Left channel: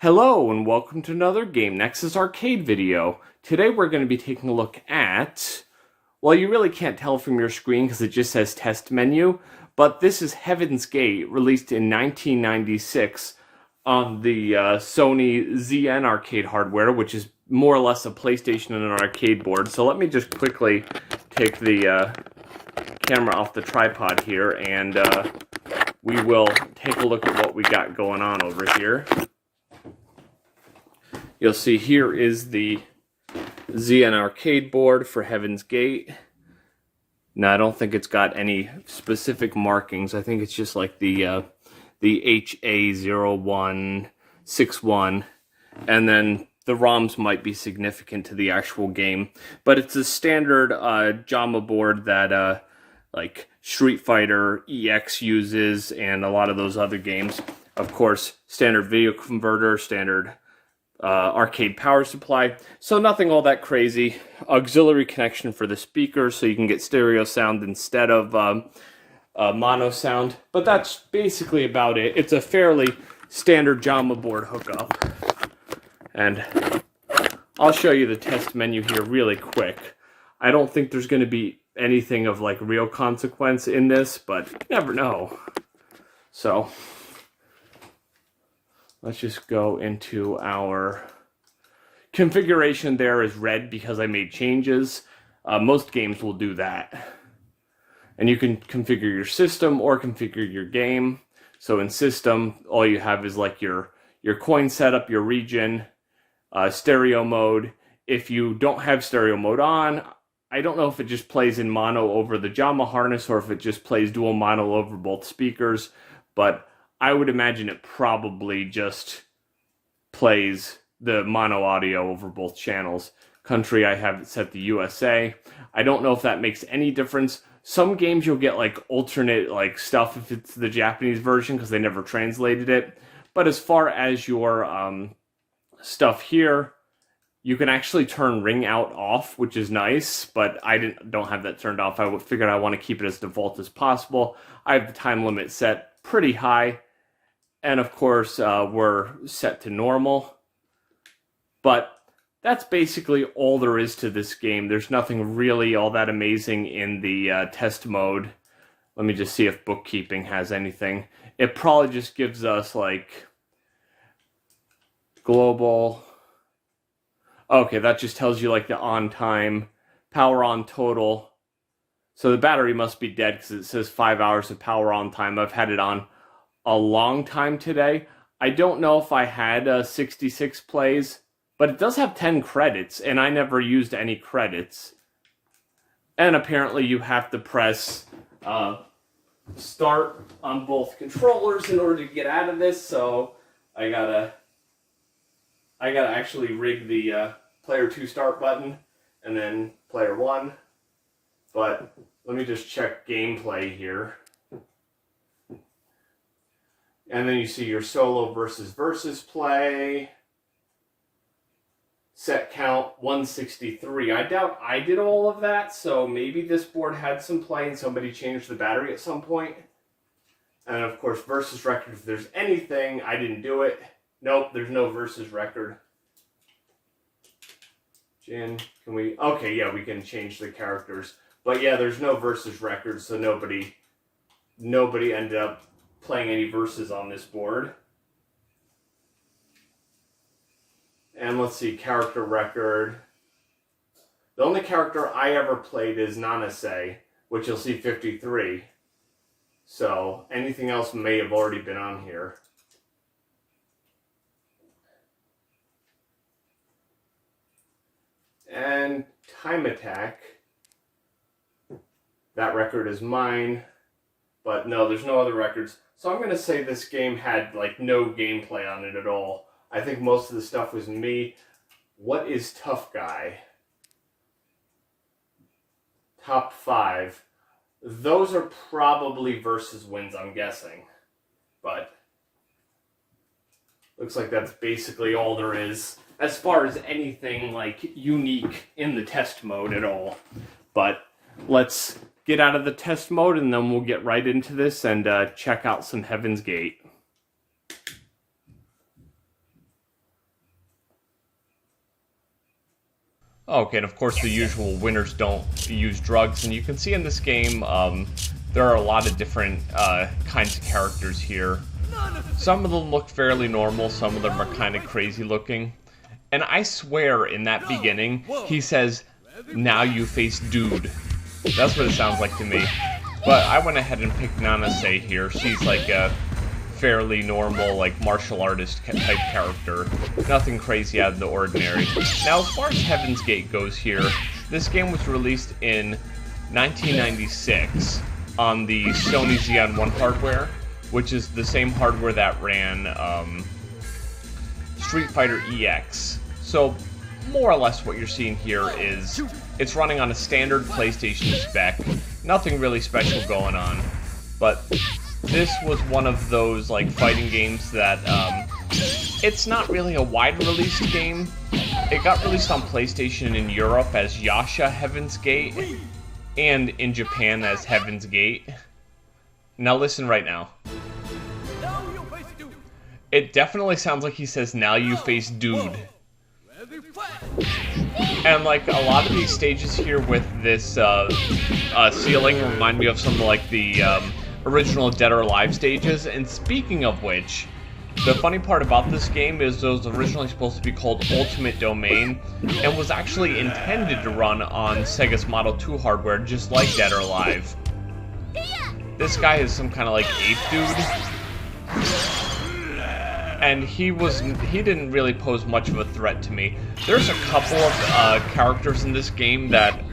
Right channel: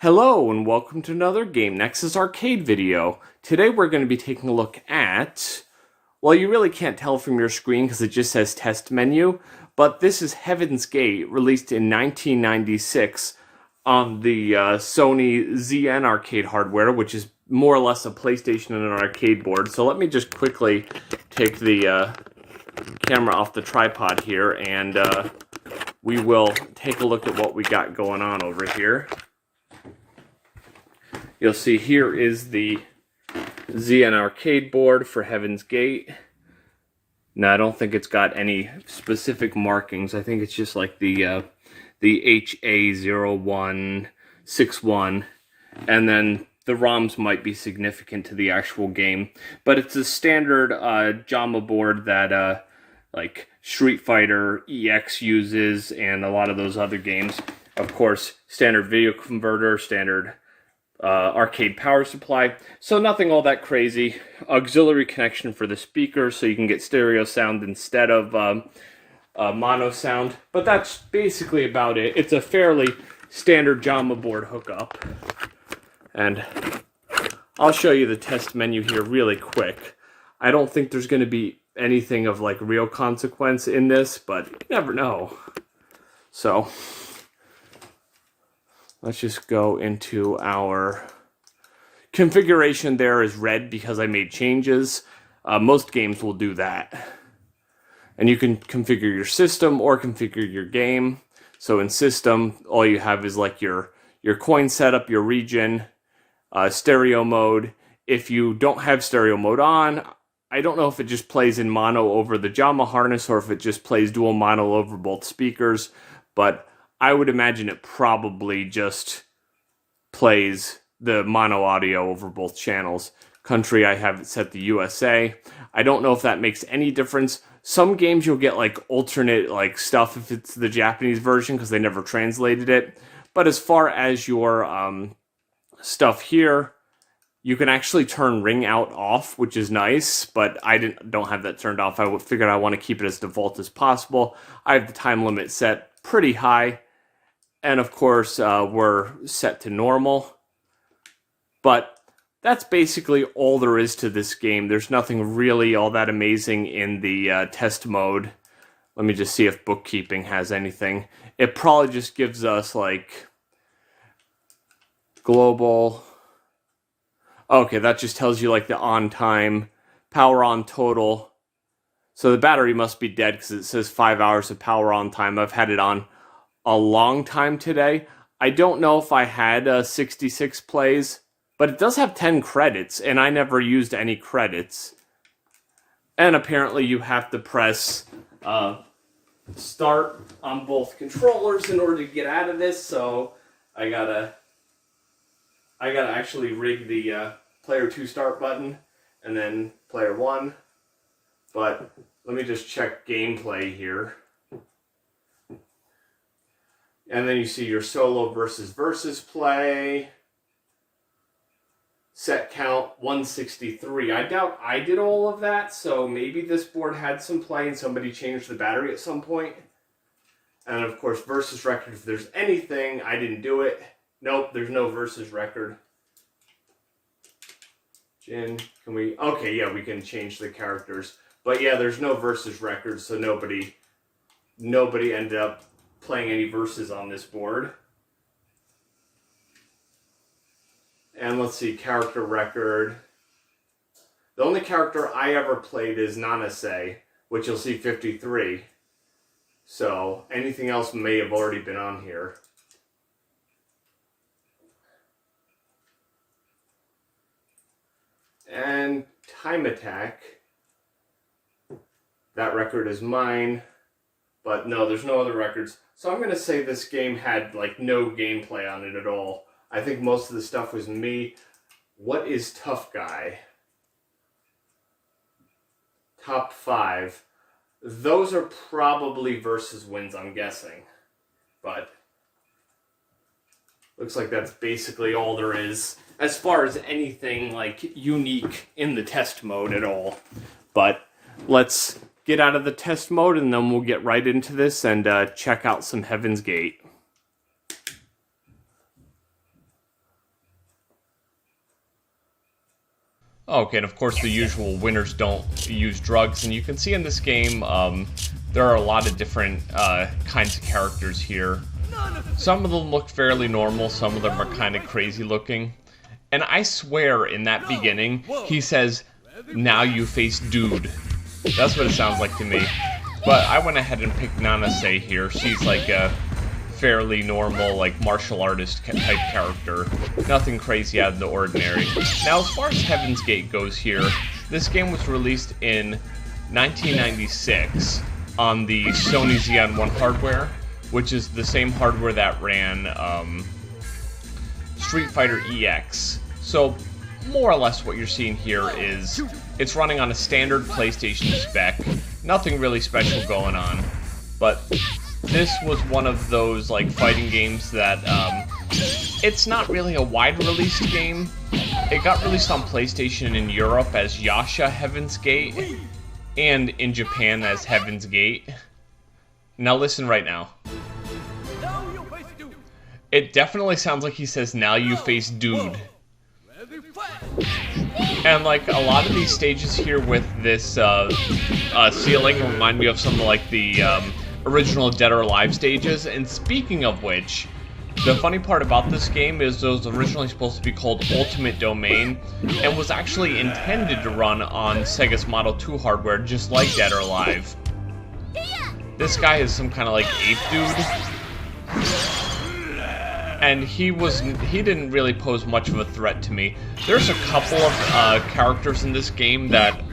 Hello and welcome to another Game Nexus Arcade video. Today we're going to be taking a look at, well, you really can't tell from your screen because it just says test menu, but this is Heaven's Gate, released in 1996 on the Sony ZN Arcade hardware, which is more or less a PlayStation and an arcade board. So let me just quickly take the camera off the tripod here and we will take a look at what we got going on over here. You'll see here is the ZN Arcade board for Heaven's Gate. Now, I don't think it's got any specific markings. I think it's just like the HA-0161, and then the ROMs might be significant to the actual game. But it's a standard JAMA board that like Street Fighter EX uses and a lot of those other games. Of course, standard video converter, standard arcade power supply, so nothing all that crazy. Auxiliary connection for the speakers, so you can get stereo sound instead of mono sound, but that's basically about it. It's a fairly standard JAMA board hookup, and I'll show you the test menu here really quick. I don't think there's going to be anything of like real consequence in this, but you never know. So let's just go into our configuration. There is red because I made changes. Most games will do that. And you can configure your system or configure your game. So in system, all you have is like your coin setup, your region, stereo mode. If you don't have stereo mode on, I don't know if it just plays in mono over the JAMA harness or if it just plays dual mono over both speakers, but I would imagine it probably just plays the mono audio over both channels. Country, I have it set to USA. I don't know if that makes any difference. Some games you'll get like alternate like stuff if it's the Japanese version because they never translated it. But as far as your stuff here, you can actually turn ring out off, which is nice, but I don't have that turned off. I figured I want to keep it as default as possible. I have the time limit set pretty high. And of course, we're set to normal. But that's basically all there is to this game. There's nothing really all that amazing in the test mode. Let me just see if bookkeeping has anything. It probably just gives us like global. Okay, that just tells you like the on time, power on total. So the battery must be dead because it says 5 hours of power on time. I've had it on a long time today. I don't know if I had 66 plays, but it does have 10 credits, and I never used any credits. And apparently you have to press start on both controllers in order to get out of this, so I gotta actually rig the player 2 start button and then player 1. But let me just check gameplay here. And then you see your solo versus play. Set count 163. I doubt I did all of that, so maybe this board had some play and somebody changed the battery at some point. And of course, versus record, if there's anything, I didn't do it. Nope, there's no versus record. Jin, can we? Okay, yeah, we can change the characters. But yeah, there's no versus record, so nobody ended up playing any verses on this board. And let's see, character record. The only character I ever played is Nanase, which you'll see 53. So anything else may have already been on here. And time attack. That record is mine. But no, there's no other records. So I'm going to say this game had like no gameplay on it at all. I think most of the stuff was me. What is Tough Guy? Top 5. Those are probably versus wins, I'm guessing. But looks like that's basically all there is as far as anything like unique in the test mode at all. But let's get out of the test mode and then we'll get right into this and check out some Heaven's Gate. Okay, and of course the usual winners don't use drugs, and you can see in this game there are a lot of different kinds of characters here. Some of them look fairly normal, some of them are kind of crazy looking. And I swear in that beginning, he says, "Now you face dude." That's what it sounds like to me. But I went ahead and picked Nanase here. She's like a fairly normal, like, martial artist type character. Nothing crazy out of the ordinary. Now, as far as Heaven's Gate goes here, this game was released in 1996 on the Sony ZN-1 hardware, which is the same hardware that ran Street Fighter EX. So, more or less what you're seeing here is it's running on a standard PlayStation spec. Nothing really special going on. But this was one of those, like, fighting games that it's not really a wide-released game. It got released on PlayStation in Europe as Yasha Heaven's Gate, and in Japan as Heaven's Gate. Now listen right now. It definitely sounds like he says, "Now you face dude." And like a lot of these stages here with this ceiling remind me of some like the original Dead or Alive stages. And speaking of which, the funny part about this game is it was originally supposed to be called Ultimate Domain, and was actually intended to run on Sega's Model 2 hardware, just like Dead or Alive. This guy is some kind of like ape dude, and he didn't really pose much of a threat to me. There's a couple of characters in this game that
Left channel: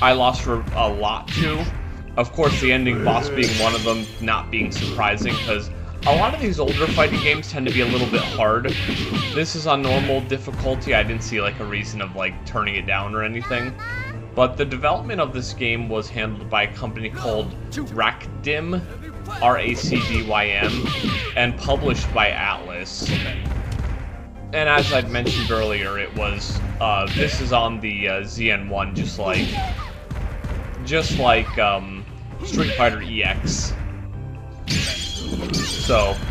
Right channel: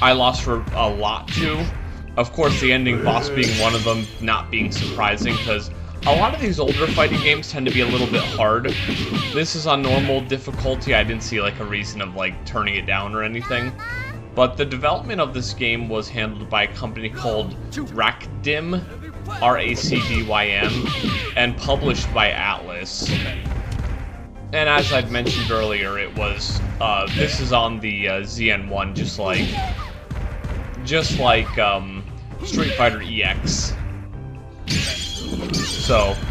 I lost for a lot to. Of course, the ending boss being one of them, not being surprising, because a lot of these older fighting games tend to be a little bit hard. This is on normal difficulty. I didn't see like a reason of like turning it down or anything. But the development of this game was handled by a company called Racdym, R-A-C-D-Y-M, and published by Atlus. And as I'd mentioned earlier, it was this is on the ZN-1, just like Street Fighter EX. So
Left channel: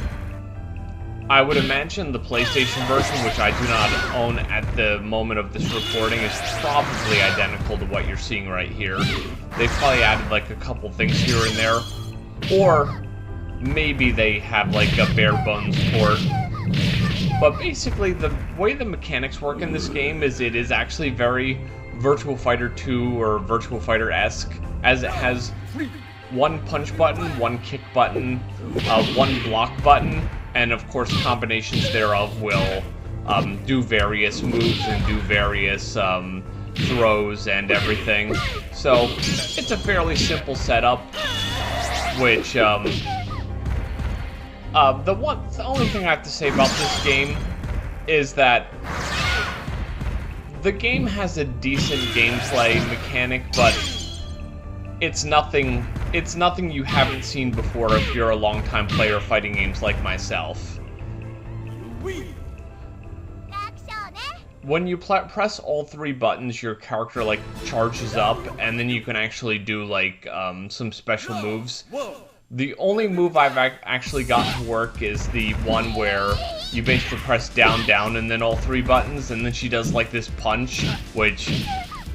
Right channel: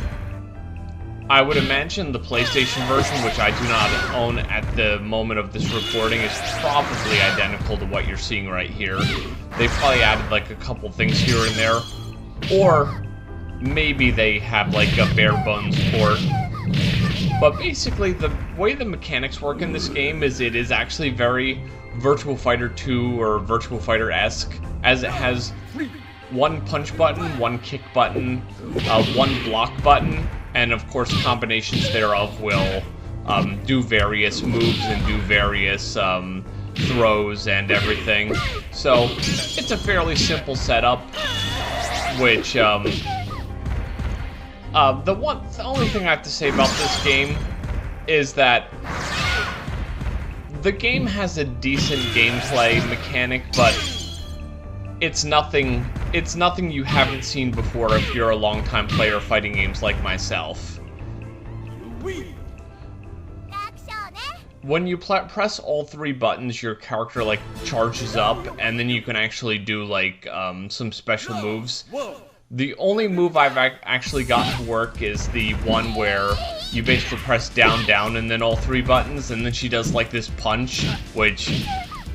I would imagine the PlayStation version, which I do not own at the moment of this recording, is probably identical to what you're seeing right here. They probably added like a couple things here and there, or maybe they have like a bare bones port. But basically, the way the mechanics work in this game is it is actually very Virtua Fighter 2 or Virtua Fighter-esque, as it has one punch button, one kick button, one block button, and of course combinations thereof will do various moves and do various throws and everything. So it's a fairly simple setup, which the only thing I have to say about this game is that the game has a decent gameplay mechanic, but it's nothing you haven't seen before if you're a longtime player of fighting games like myself. When you press all three buttons, your character like charges up, and then you can actually do like some special moves. The only move I've actually gotten to work is the one where you basically press down, down, and then all three buttons, and then she does like this punch, which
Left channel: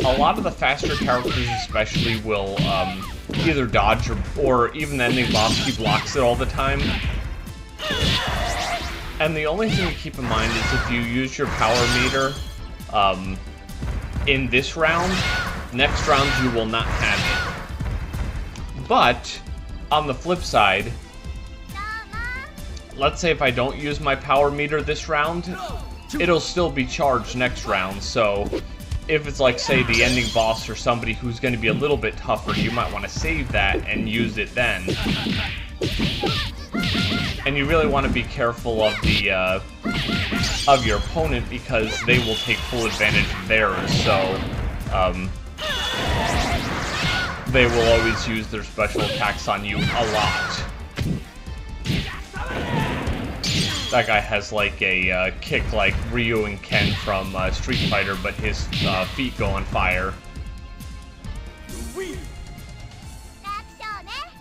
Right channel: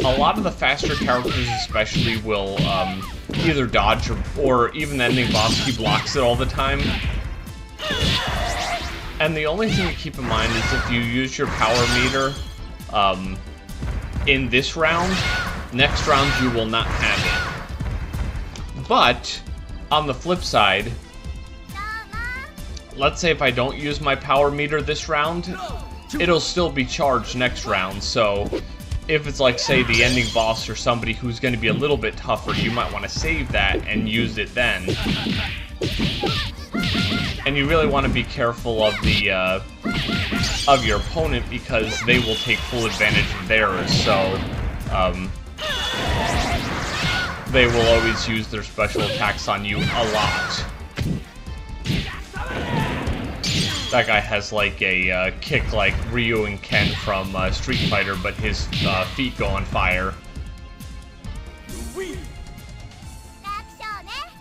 a lot of the faster characters especially will either dodge or even the ending boss, he blocks it all the time. And the only thing to keep in mind is if you use your power meter in this round, next round you will not have it. But on the flip side, let's say if I don't use my power meter this round, it'll still be charged next round. So if it's like, say, the ending boss or somebody who's going to be a little bit tougher, you might want to save that and use it then. And you really want to be careful of the of your opponent, because they will take full advantage of theirs. So they will always use their special attacks on you a lot. That guy has like a kick like Ryu and Ken from Street Fighter, but his feet go on fire.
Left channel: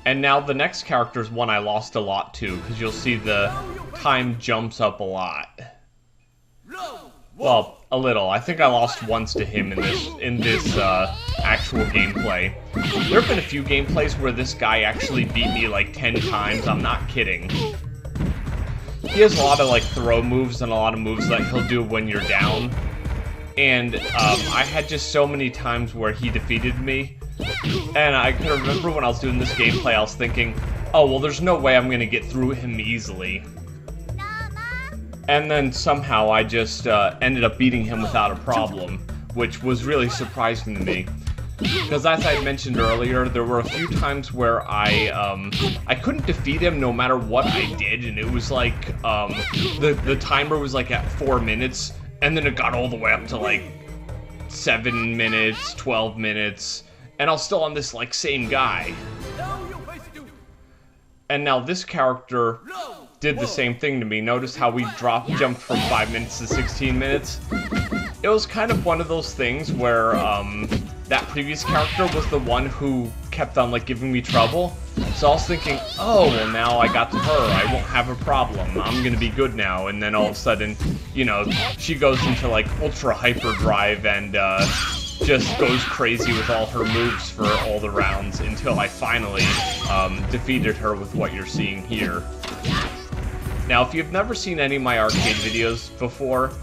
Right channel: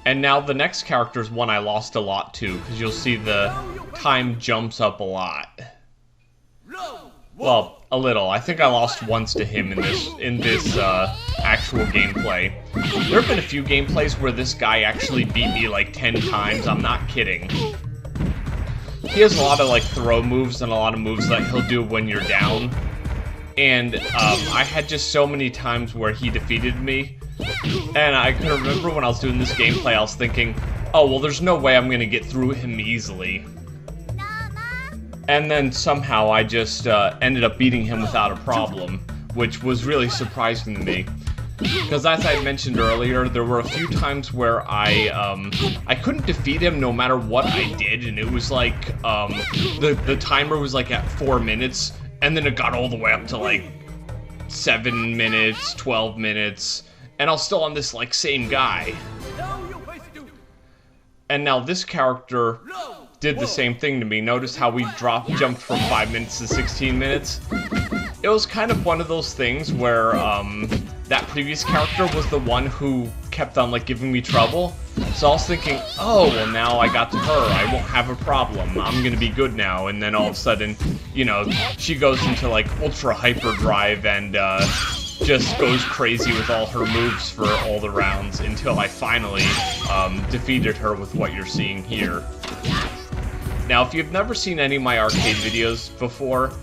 And now the next character is one I lost a lot to, because you'll see the time jumps up a lot. Well, A little. I think I lost once to him in this actual gameplay. There have been a few gameplays where this guy actually beat me like 10 times. I'm not kidding. He has a lot of like throw moves and a lot of moves that he'll do when you're down. And I had just so many times where he defeated me. And I could remember when I was doing this gameplay, I was thinking, oh, well, there's no way I'm going to get through him easily. And then somehow I just ended up beating him without a problem, which was really surprising to me. Because as I had mentioned earlier, there were a few times where I couldn't defeat him no matter what I did, and it was like, the timer was like at 4 minutes, and then it got all the way up to like 7 minutes, 12 minutes, and I was still on this like same guy. And now this character did the same thing to me. Notice how we jumped from 5 minutes to 16 minutes? It was kind of one of those things where, that previous character was the one who kept on, like, giving me trouble. So I was thinking, oh, well, now I got to her. I won't have a problem. I'm gonna be good now. And then all of a sudden, you know, she goes into, like, ultra hyperdrive and, just goes crazy with all her moves for all the rounds until I finally, defeated her with what you're seeing here. Now, if you've never seen any of my arcade videos before,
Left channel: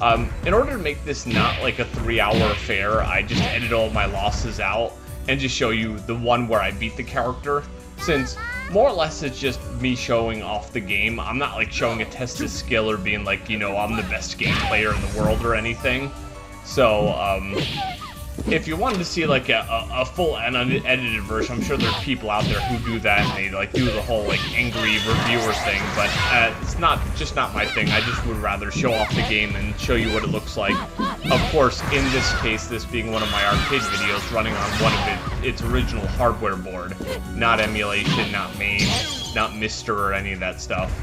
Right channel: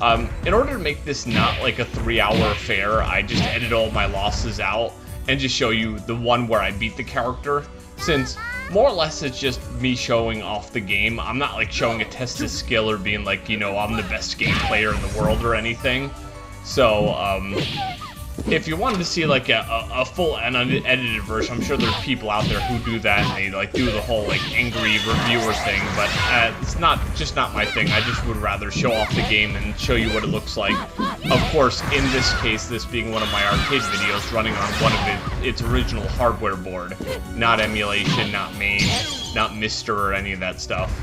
in order to make this not like a 3-hour affair, I just edit all my losses out and just show you the one where I beat the character, since more or less it's just me showing off the game. I'm not like showing a test of skill or being like, you know, I'm the best game player in the world or anything. So, if you wanted to see like a full and unedited version, I'm sure there's people out there who do that and they like do the whole like angry reviewer thing, but it's not my thing. I just would rather show off the game and show you what it looks like. Of course, in this case, this being one of my arcade videos running on one of its original hardware board, not emulation, not MAME, not Mister or any of that stuff.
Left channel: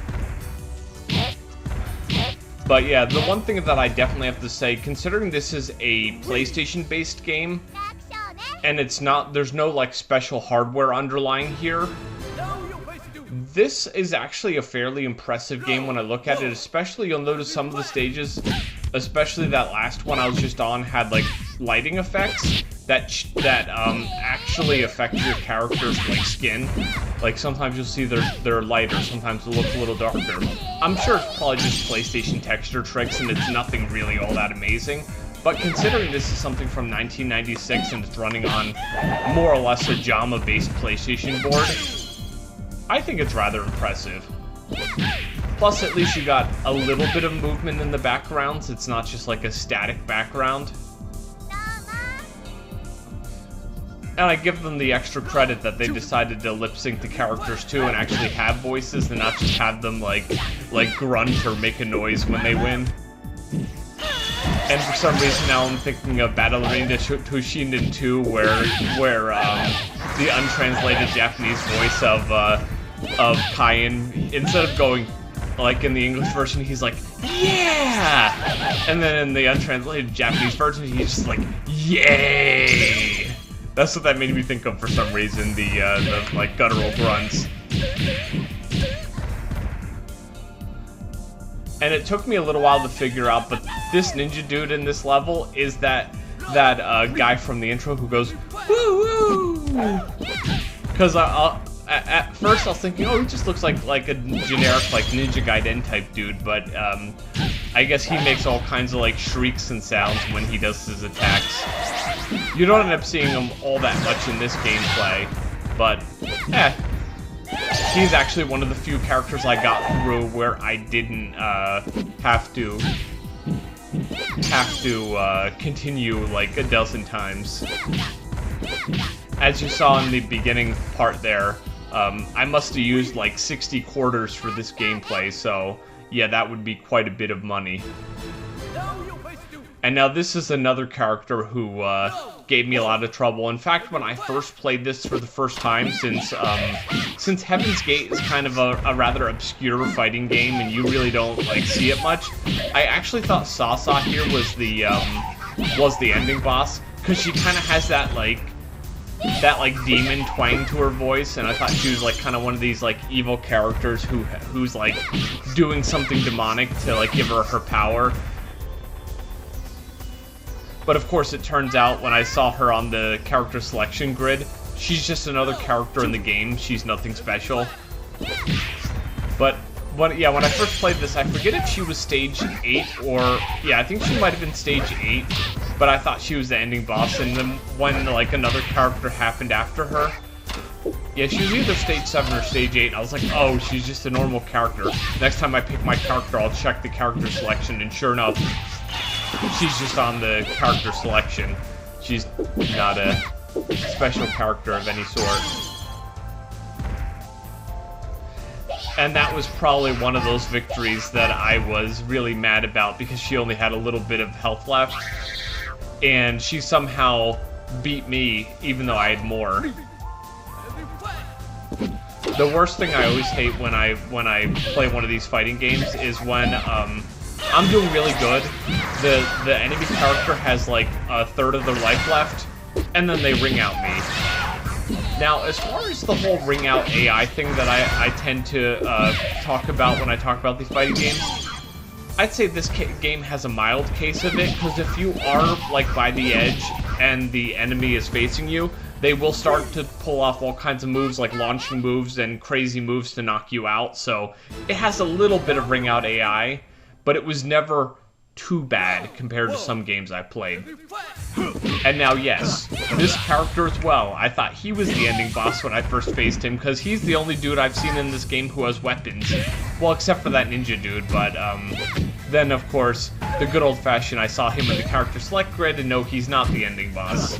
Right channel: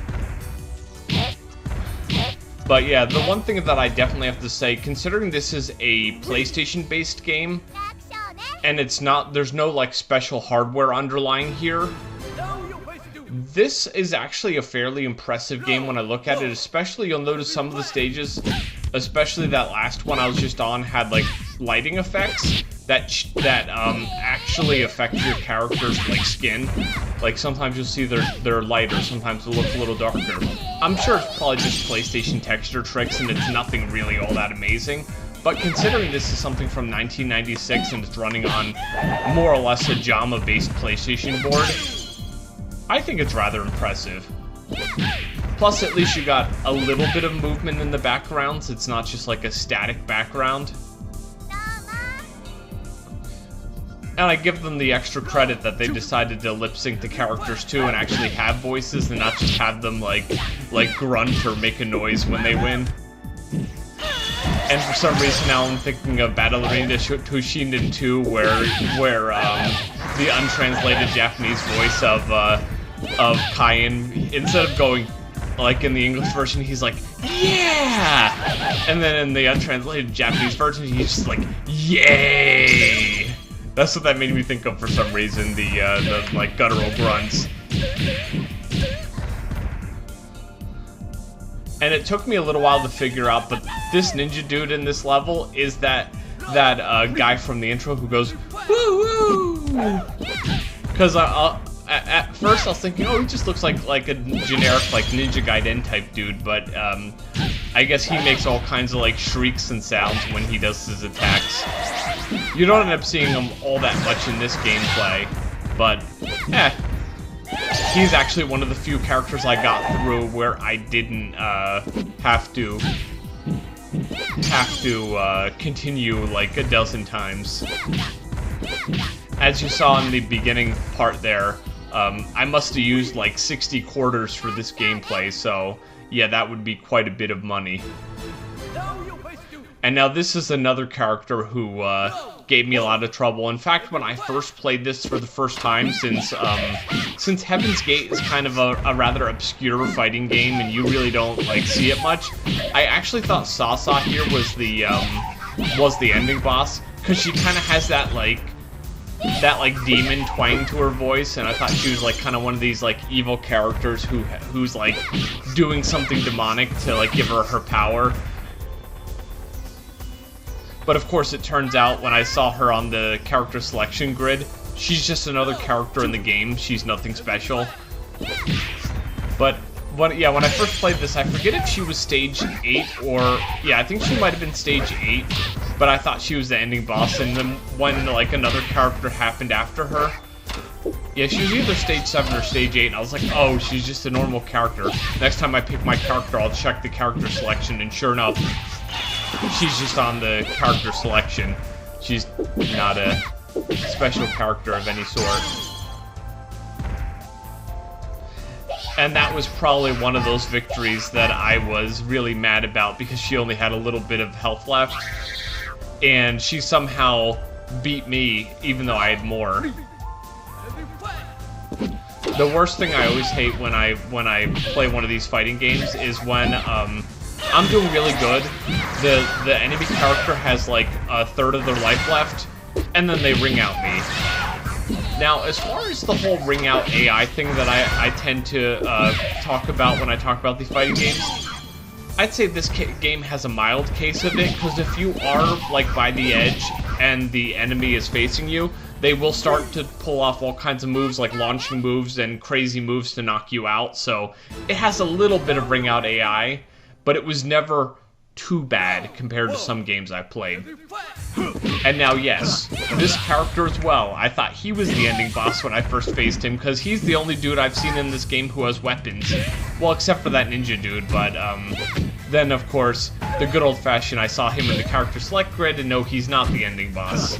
But yeah, the one thing that I definitely have to say, considering this is a PlayStation-based game, and there's no like special hardware underlying here, this is actually a fairly impressive game when I look at it. Especially, you'll notice some of the stages, especially that last one I was just on, had like lighting effects that actually affect your character's like skin. Like sometimes you'll see they're lighter, sometimes they'll look a little darker. I'm sure it's probably just PlayStation texture tricks and it's nothing really all that amazing. But considering this is something from 1996 and it's running on more or less a JAMA-based PlayStation board, I think it's rather impressive. Plus, at least you got a little bit of movement in the backgrounds. It's not just like a static background. And I give them the extra credit that they decided to lip-sync the characters too and actually have voices and not just have them like grunt or make a noise when they win. And for some reason now I'm thinking of Battle Arena Toshinden 2 where the untranslated Japanese voice of Kaien, instead of going like in the English version, he's like, yeah! And then in the untranslated Japanese version, he's just like, yay! That's what that made me think of for some reason, the like guttural grunts. And it took me a little while to figure out, but this ninja dude in this level is that guy from the intro who goes, woo woo! Because at first I was thinking, oh, he just looks like a generic like Ninja Gaiden type dude, but I guess he makes all kinds of like shrieks and sounds when he does his attacks. You don't end up seeing him all that much in this gameplay, but, he's actually one of the few characters I got through where I didn't, have to continue, like, a dozen times. As you saw in the beginning part there, I must have used, like, 60 quarters for this gameplay, so, yeah, that would be quite a bit of money. And now this is another character who, gave me a lot of trouble. In fact, when I first played this for the first time, since Heaven's Gate is kind of a rather obscure fighting game and you really don't like see it much, I actually thought Sasa here was the ending boss, because she kind of has that demon twang to her voice, and I thought she was like kind of one of these like evil characters who's like doing something demonic to like give her power. But of course, it turns out when I saw her on the character selection grid, she's just another character in the game. She's nothing special. But yeah, when I first played this, I forget if she was stage 8 or... Yeah, I think she might have been stage 8, but I thought she was the ending boss. And then when, like, another character happened after her... Yeah, she was either stage 7 or stage 8, and I was like, oh, she's just a normal character. Next time I pick my character, I'll check the character selection, and sure enough, she's just on the character selection. She's not a special character of any sort. And that was probably one of those victories that I was really mad about, because she only had a little bit of health left. And she somehow beat me, even though I had more. The worst thing I always hate when I play one of these fighting games is when I'm doing really good. The enemy character has like a third of their life left, and then they ring out me. Now, as far as the whole ring out AI thing that I tend to talk about when I talk about the fighting games, I'd say this game has a mild case of it, because if you are like by the edge and the enemy is facing you, they will start to pull off all kinds of moves, like launching moves and crazy moves to knock you out. So it has a little bit of ring out AI, but it was never too bad compared to some games I played. And now, yes, this character as well. I thought he was the ending boss when I first faced him, because he's the only dude I've seen in this game who has weapons. Well, except for that ninja dude, but then, of course, the good old-fashioned, I saw him in the character select grid, and no, he's not the ending boss.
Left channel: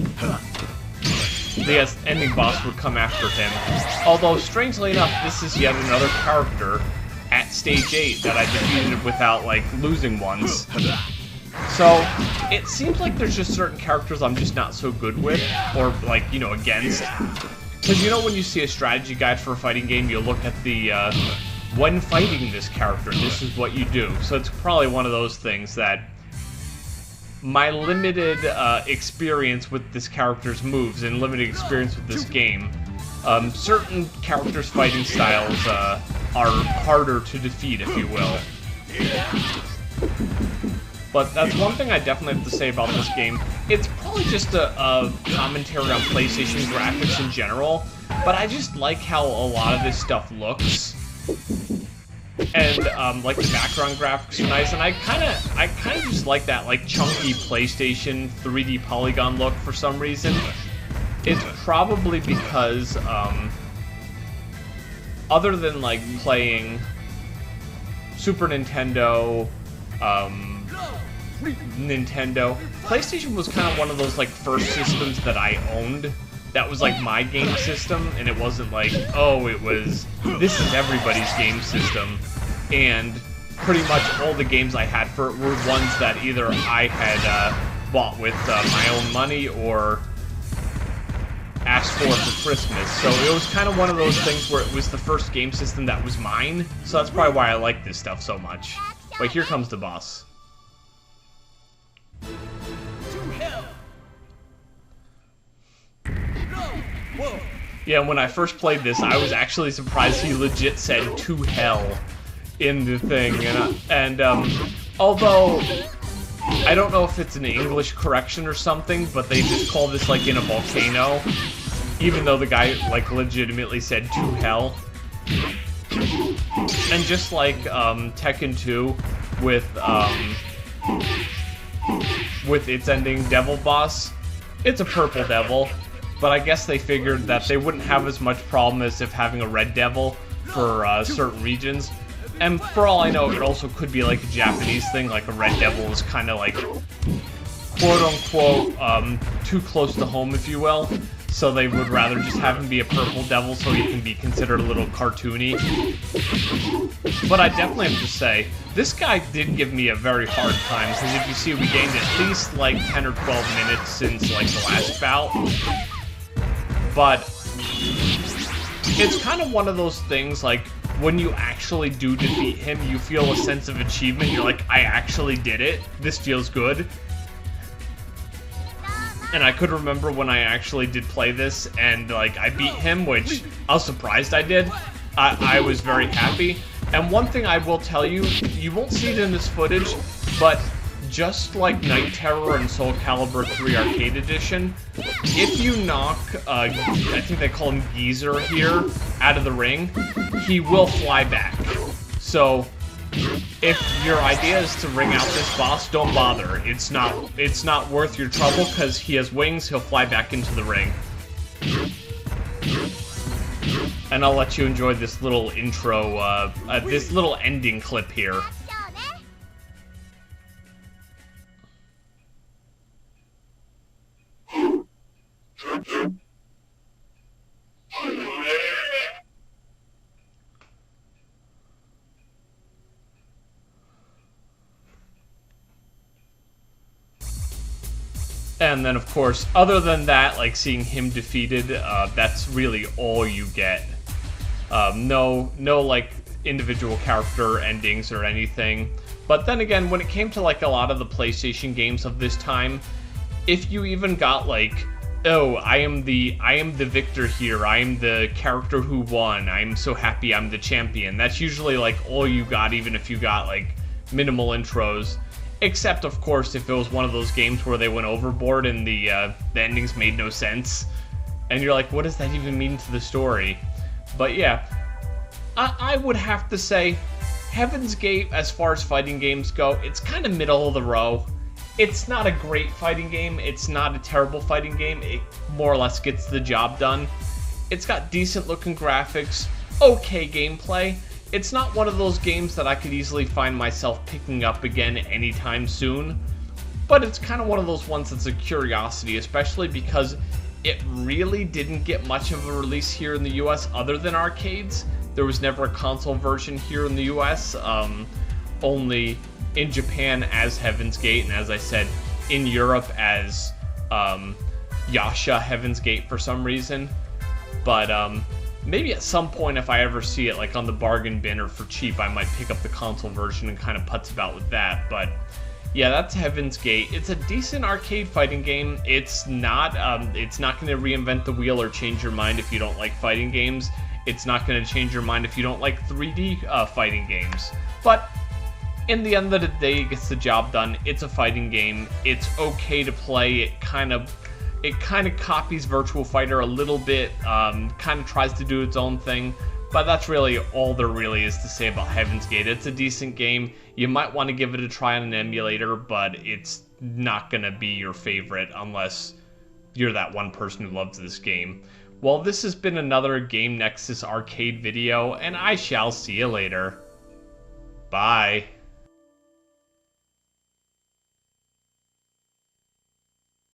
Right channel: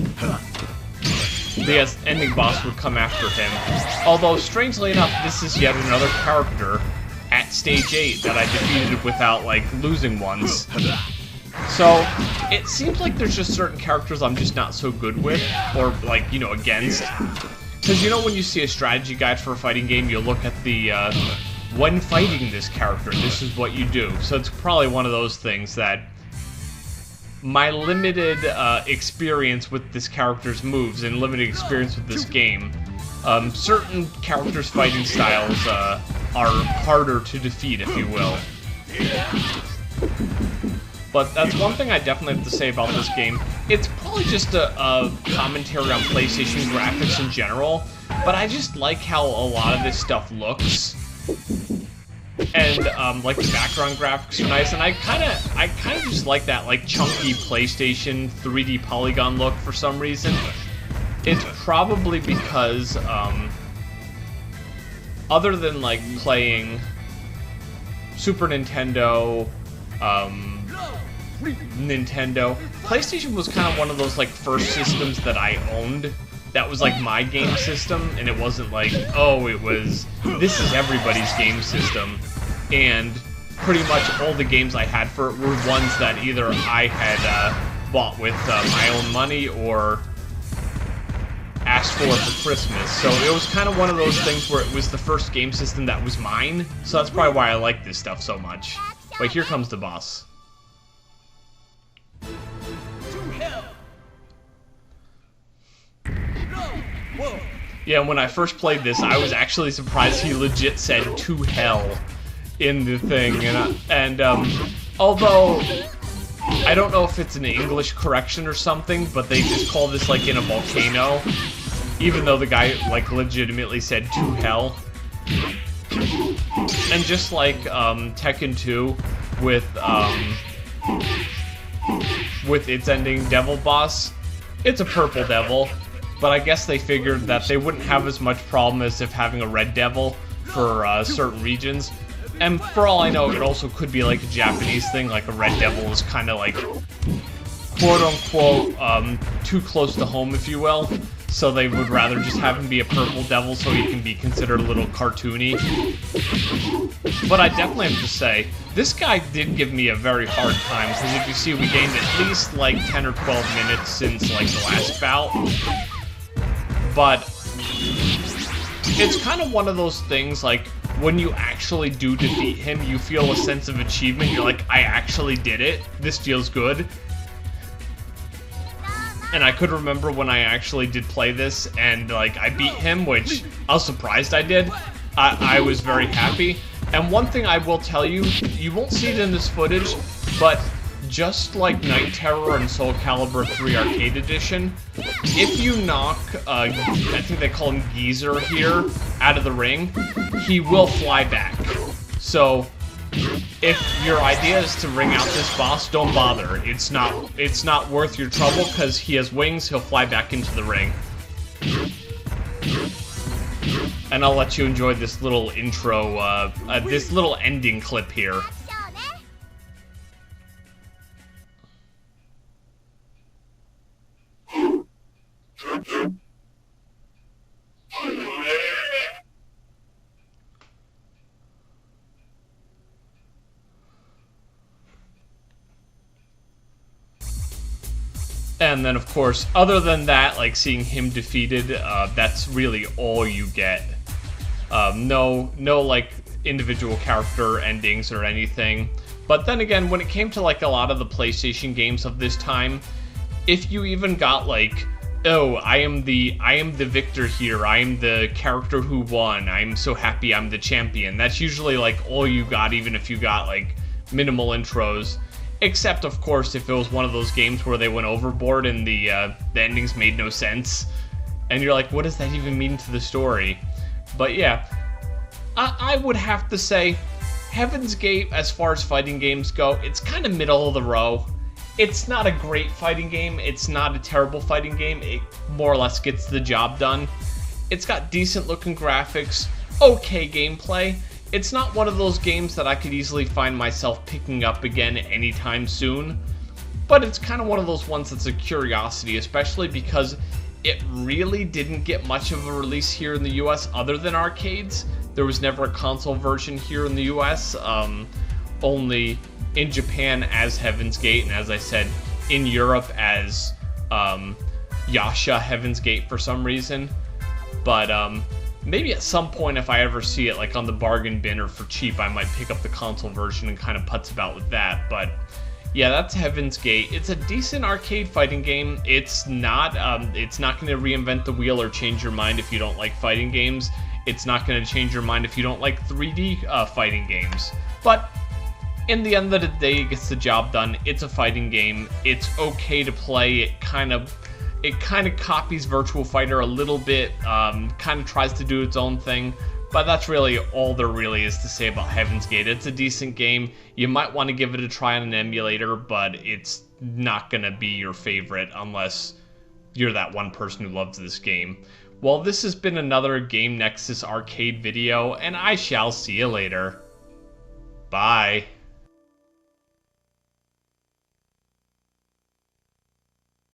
The ending boss would come after him. Although, strangely enough, this is yet another character at stage 8 that I defeated without, like, losing once. So, it seems like there's just certain characters I'm just not so good with, or, like, you know, against. Because, you know, when you see a strategy guide for a fighting game, you'll look at the, when fighting this character, this is what you do. So it's probably one of those things that my limited experience with this character's moves and limited experience with this game, certain characters' fighting styles are harder to defeat, if you will. But that's one thing I definitely have to say about this game. It's probably just a commentary on PlayStation graphics in general, but I just like how a lot of this stuff looks. And, like, the background graphics are nice, and I kind of just like that, like, chunky PlayStation 3D polygon look for some reason. It's probably because, other than, like, playing Super Nintendo, Nintendo, PlayStation was kind of one of those, like, first systems that I owned. That was, like, my game system, and it wasn't like, oh, this is everybody's game system. And pretty much all the games I had for it were ones that either I had bought with my own money or asked for Christmas. So it was kind of one of those things where it was the first game system that was mine. So that's probably why I like this stuff so much. But here comes the boss. Yeah, when I first played this, I was actually surprised he legit said "to hell" in the thing, and although I don't know if it's an English correction or something, but they just call this like in a volcano, even though the guy like legitimately said "to hell." And just like Tekken 2 with its ending devil boss, it's a purple devil, but I guess they figured that they wouldn't have as much problem as if having a red devil for certain regions. And for all I know, it also could be like a Japanese thing, like a red devil is kind of like, quote-unquote, too close to home, if you will. So they would rather just have him be a purple devil so he can be considered a little cartoony. But I definitely have to say, this guy did give me a very hard time, because if you see, we gained at least like 10 or 12 minutes since like the last bout. But it's kind of one of those things, like, when you actually do defeat him, you feel a sense of achievement. You're like, I actually did it. This feels good. And I could remember when I actually did play this, and, like, I beat him, which I was surprised I did. I was very happy. And one thing I will tell you, you won't see it in this footage, but just like Night Terror and Soul Calibur 3 Arcade Edition, if you knock, I think they call him Geezer here, out of the ring, he will fly back. So, if your idea is to ring out this boss, don't bother. It's not worth your trouble, because he has wings, he'll fly back into the ring. And I'll let you enjoy this little intro, this little ending clip here. And then, of course, other than that, like seeing him defeated, that's really all you get. No, like individual character endings or anything. But then again, when it came to like a lot of the PlayStation games of this time, if you even got like, oh, I am the victor here, I am the character who won, I'm so happy I'm the champion, that's usually like all you got, even if you got like minimal intros. Except, of course, if it was one of those games where they went overboard and the endings made no sense. And you're like, what does that even mean to the story? But yeah, I would have to say, Heaven's Gate, as far as fighting games go, it's kind of middle of the row. It's not a great fighting game. It's not a terrible fighting game. It more or less gets the job done. It's got decent looking graphics, okay gameplay. It's not one of those games that I could easily find myself picking up again anytime soon, but it's kind of one of those ones that's a curiosity, especially because it really didn't get much of a release here in the US other than arcades. There was never a console version here in the US, only in Japan as Heaven's Gate, and as I said, in Europe as Yasha Heaven's Gate for some reason. But maybe at some point, if I ever see it like on the bargain bin or for cheap, I might pick up the console version and kind of putz about with that. But yeah, that's Heaven's Gate. It's a decent arcade fighting game. It's not going to reinvent the wheel or change your mind if you don't like fighting games. It's not going to change your mind if you don't like 3D fighting games. But in the end of the day, it gets the job done. It's a fighting game. It's okay to play. It kind of copies Virtual Fighter a little bit, kind of tries to do its own thing, but that's really all there really is to say about Heaven's Gate. It's a decent game. You might want to give it a try on an emulator, but it's not going to be your favorite unless you're that one person who loves this game. Well, this has been another Game Nexus Arcade video, and I shall see you later. Bye.